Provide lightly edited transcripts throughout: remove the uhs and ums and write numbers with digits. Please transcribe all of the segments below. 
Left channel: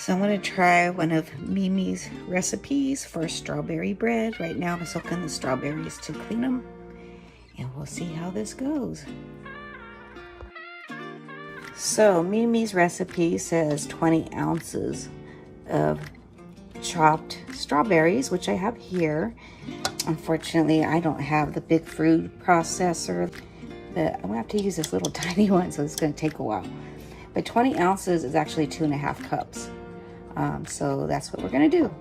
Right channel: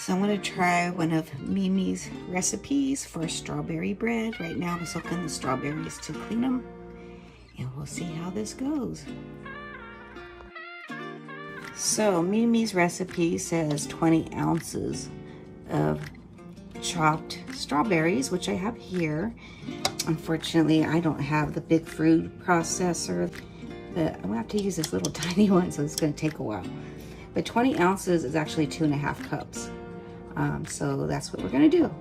So I'm going to try one of Mimi's recipes for strawberry bread. Right now I'm soaking the strawberries to clean them, and we'll see how this goes. So Mimi's recipe says 20 ounces of chopped strawberries, which I have here. Unfortunately, I don't have the big food processor, but I'm gonna have to use this little tiny one, so it's gonna take a while. But 20 ounces is actually 2.5 cups. So that's what we're gonna do.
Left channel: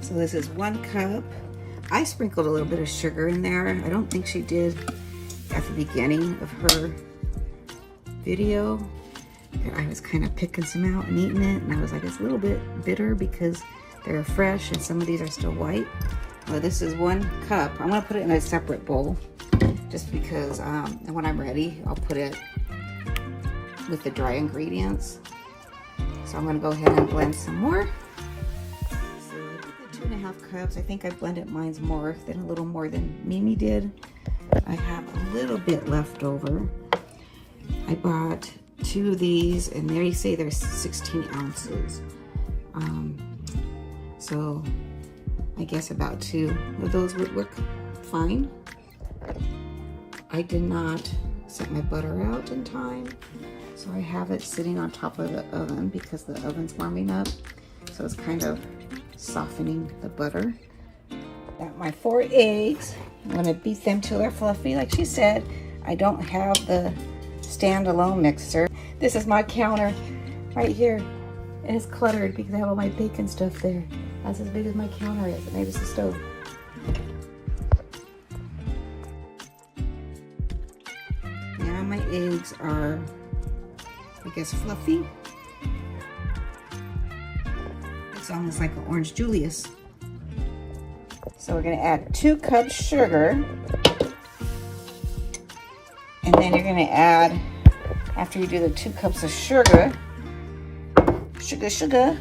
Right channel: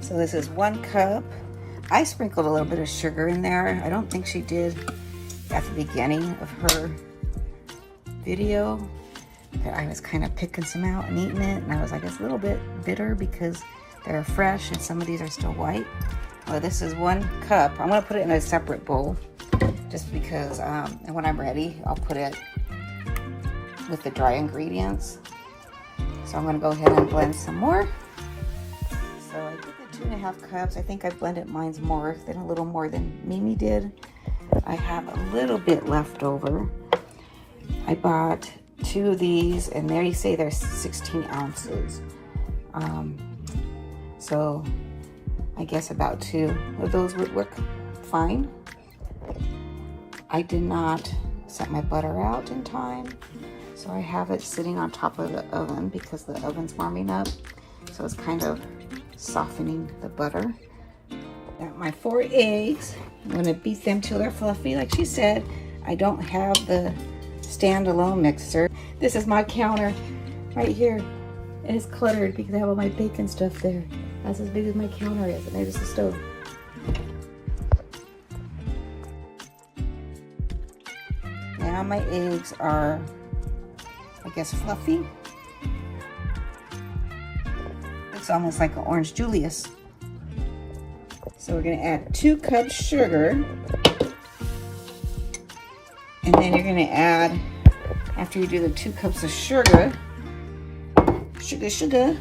So this is 1 cup. I sprinkled a little bit of sugar in there. I don't think she did at the beginning of her video. I was kind of picking some out and eating it, and I was like, it's a little bit bitter because they're fresh and some of these are still white. Well, this is 1 cup. I'm gonna put it in a separate bowl just because when I'm ready, I'll put it with the dry ingredients. So I'm gonna go ahead and blend some more. So I did the 2.5 cups. I think I blended mine's more than a little more than Mimi did. I have a little bit left over. I bought 2 of these, and they say they're 16 ounces. So I guess about 2 of those would work fine. I did not set my butter out in time, so I have it sitting on top of the oven because the oven's warming up. So it's kind of softening the butter. Got my 4 eggs. I'm gonna beat them till they're fluffy. Like she said, I don't have the standalone mixer. This is my counter right here, and it's cluttered because I have all my bacon stuff there. That's as big as my counter is, and there's the stove. Now my eggs are, I guess, fluffy. It's almost like an orange Julius. So we're gonna add 2 cups sugar. And then you're gonna add, after you do the 2 cups of sugar, sugar,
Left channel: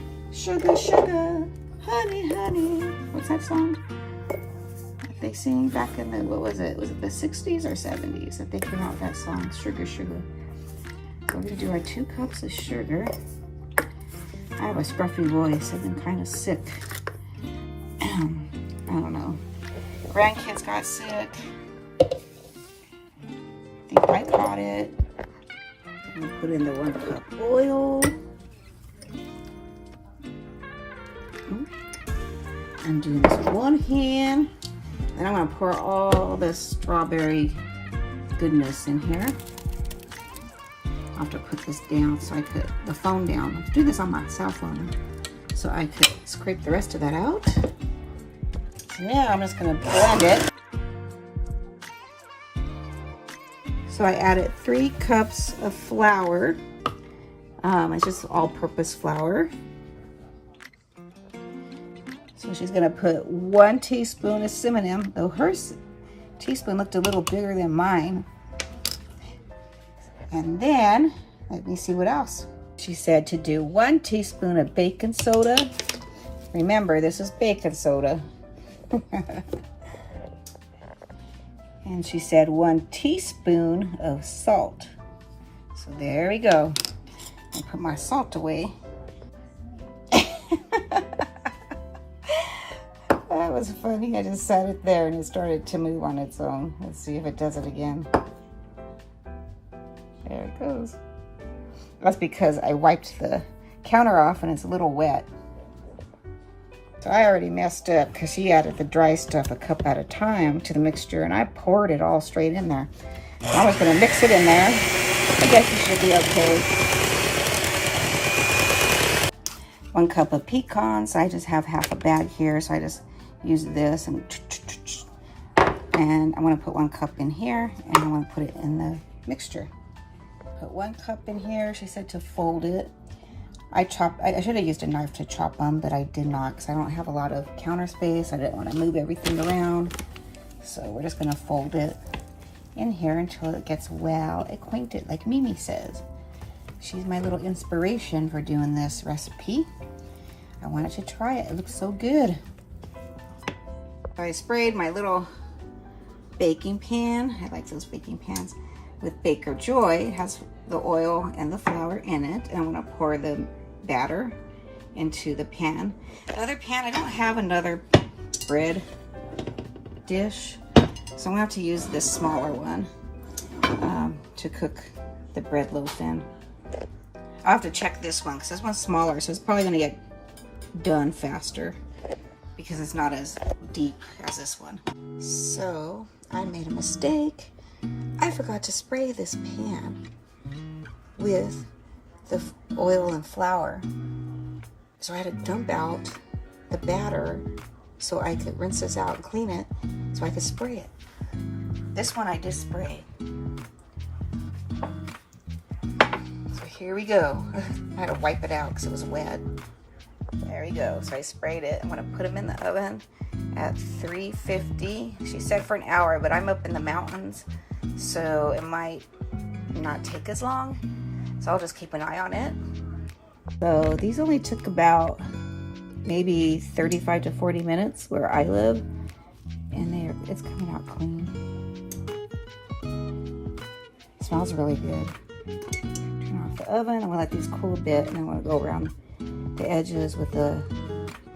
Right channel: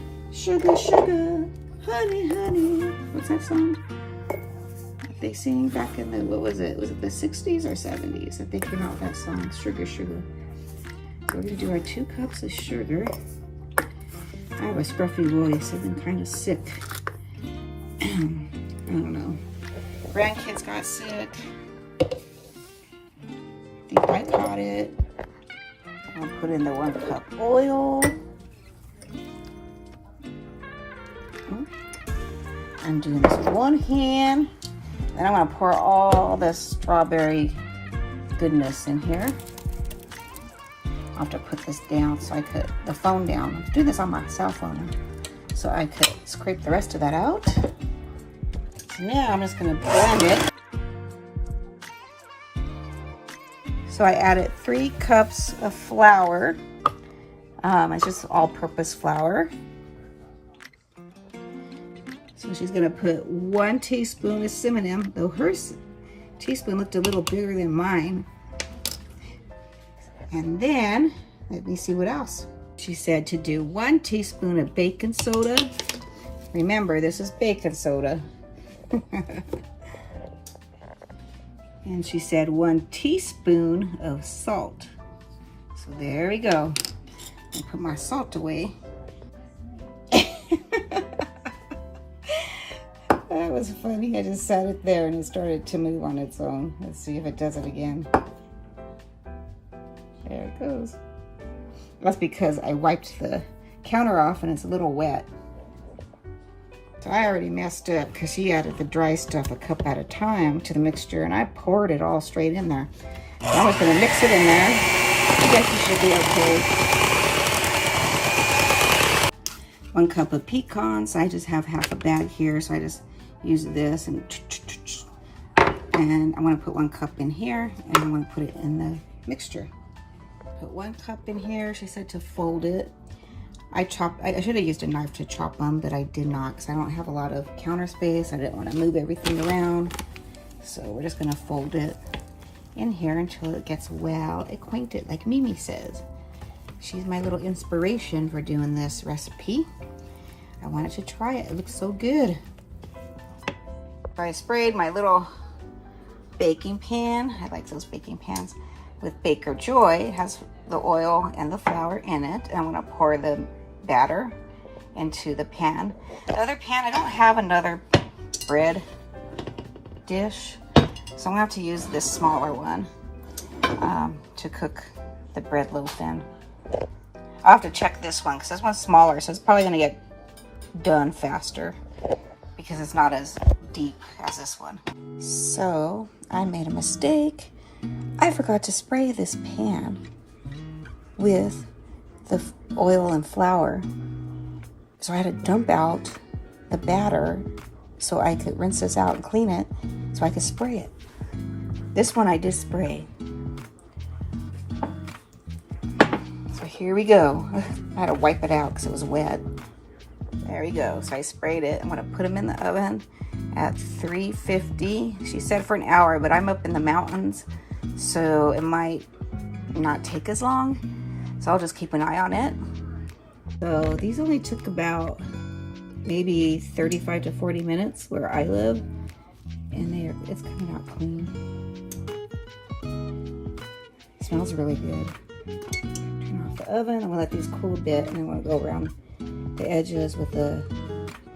honey. What's that song that they sing back in the, what was it? Was it the 60s or 70s that they came out with that song, sugar? So we're gonna do our 2 cups of sugar. I have a scruffy voice, I've been kind of sick. I don't know. Grandkids got sick. I think I caught it. I'll put in the 1 cup oil. I'm doing this with 1 hand. Then I'm gonna pour all this strawberry goodness in here. I'll have to put this down so I could, the phone down. I have to do this on my cell phone so I could scrape the rest of that out. Now I'm just gonna blend it. So I added 3 cups of flour. It's just all-purpose flour. So she's gonna put 1 teaspoon of cinnamon, though her teaspoon looked a little bigger than mine. And then, let me see what else. She said to do 1 teaspoon of baking soda. Remember, this is baking soda. And she said 1 teaspoon of salt. So there we go. I put my salt away. That was funny. I just sat it there and it started to move on its own. Let's see if it does it again. There it goes. That's because I wiped the counter off and it's a little wet. So I already messed up because she added the dry stuff a cup at a time to the mixture, and I poured it all straight in there. I was going to mix it in there. I guess it should be okay. 1 cup of pecans. I just have half a bag here, so I just use this and I'm going to put 1 cup in here, and I'm going to put it in the mixture. Put 1 cup in here. She said to fold it. I should have used a knife to chop them, but I did not because I don't have a lot of counter space. I didn't want to move everything around. So we're just going to fold it in here until it gets well acquainted, like Mimi says. She's my little inspiration for doing this recipe. I wanted to try it. It looks so good. I sprayed my little baking pan. I like those baking pans. With Baker Joy, it has the oil and the flour in it. And I'm gonna pour the batter into the pan. The other pan, I don't have another bread dish, so I'm gonna have to use this smaller one to cook the bread loaf in. I'll have to check this one because this one's smaller, so it's probably gonna get done faster because it's not as deep as this one. So I made a mistake. I forgot to spray this pan with the oil and flour. So I had to dump out the batter so I could rinse this out and clean it so I could spray it. This one I did spray. So here we go. I had to wipe it out because it was wet. There we go. So I sprayed it. I'm going to put them in the oven at 350. She said for an hour, but I'm up in the mountains, so it might not take as long. So I'll just keep an eye on it. So these only took about maybe 35 to 40 minutes where I live, and it's coming out clean. It smells really good. Turn off the oven. I'm gonna let these cool a bit, and I'm gonna go around the edges with a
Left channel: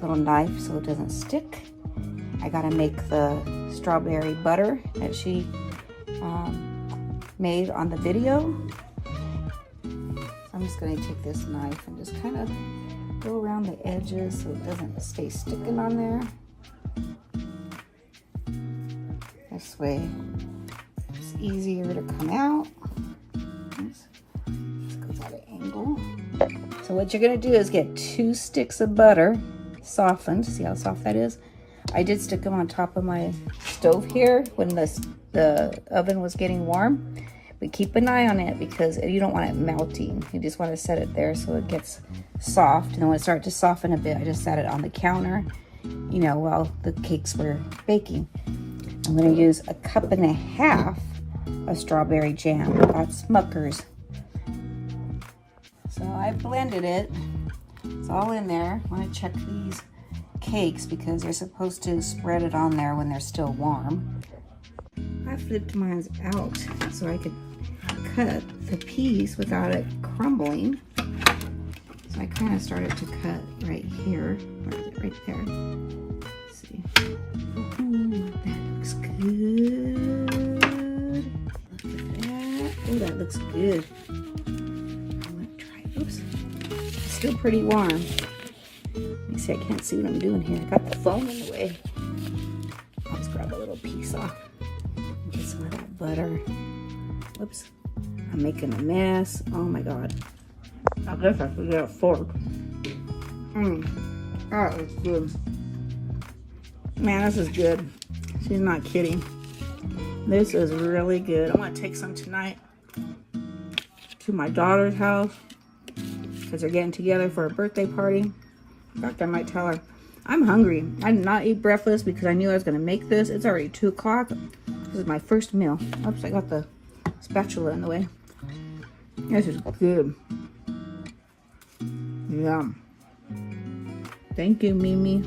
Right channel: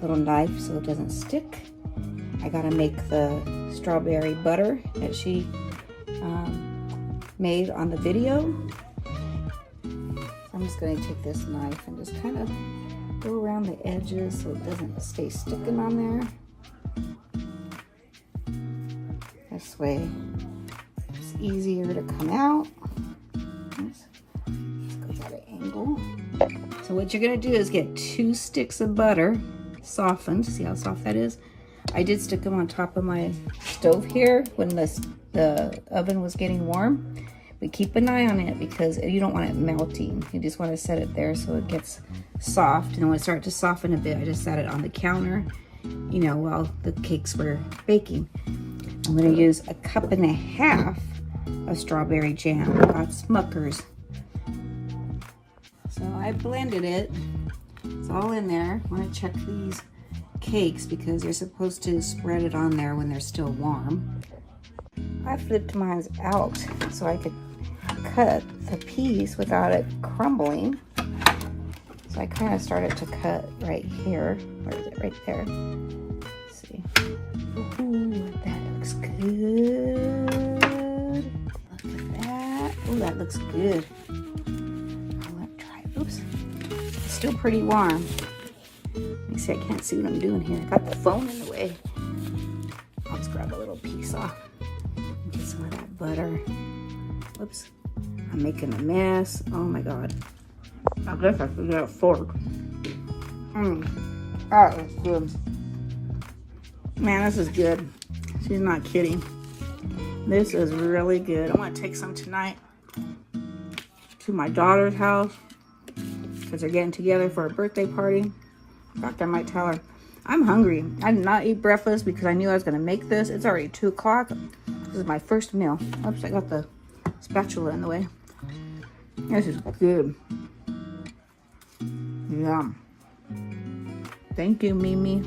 little knife so it doesn't stick. I gotta make the strawberry butter that she made on the video. I'm just gonna take this knife and just kind of go around the edges so it doesn't stay sticking on there. This way it's easier to come out. Let's go at an angle. So what you're gonna do is get 2 sticks of butter softened. See how soft that is? I did stick them on top of my stove here when the oven was getting warm. But keep an eye on it because you don't want it melting. You just want to set it there so it gets soft. And when it starts to soften a bit, I just set it on the counter, you know, while the cakes were baking. I'm going to use 1.5 cups of strawberry jam. That's Smucker's. So I blended it. It's all in there. I want to check these cakes because you're supposed to spread it on there when they're still warm. I flipped mine out so I could cut the piece without it crumbling. So I kind of started to cut right here. Where is it? Right there. Let's see. Ooh, that looks good. Look at that. Ooh, that looks good. I'm gonna try. Oops. It's still pretty warm. Let me see. I can't see what I'm doing here. I got the phone in the way. I'll just grab a little piece off. Get some of that butter. Whoops. I'm making a mess. Oh my god. I guess I could get a fork. That looks good. Man, this is good. She's not kidding. This is really good. I'm going to take some tonight to my daughter's house because they're getting together for a birthday party. In fact, I might tell her. I'm hungry. I did not eat breakfast because I knew I was going to make this. It's already 2 o'clock. This is my first meal. Oops, I got the spatula in the way. This is good. Yum. Thank you, Mimi.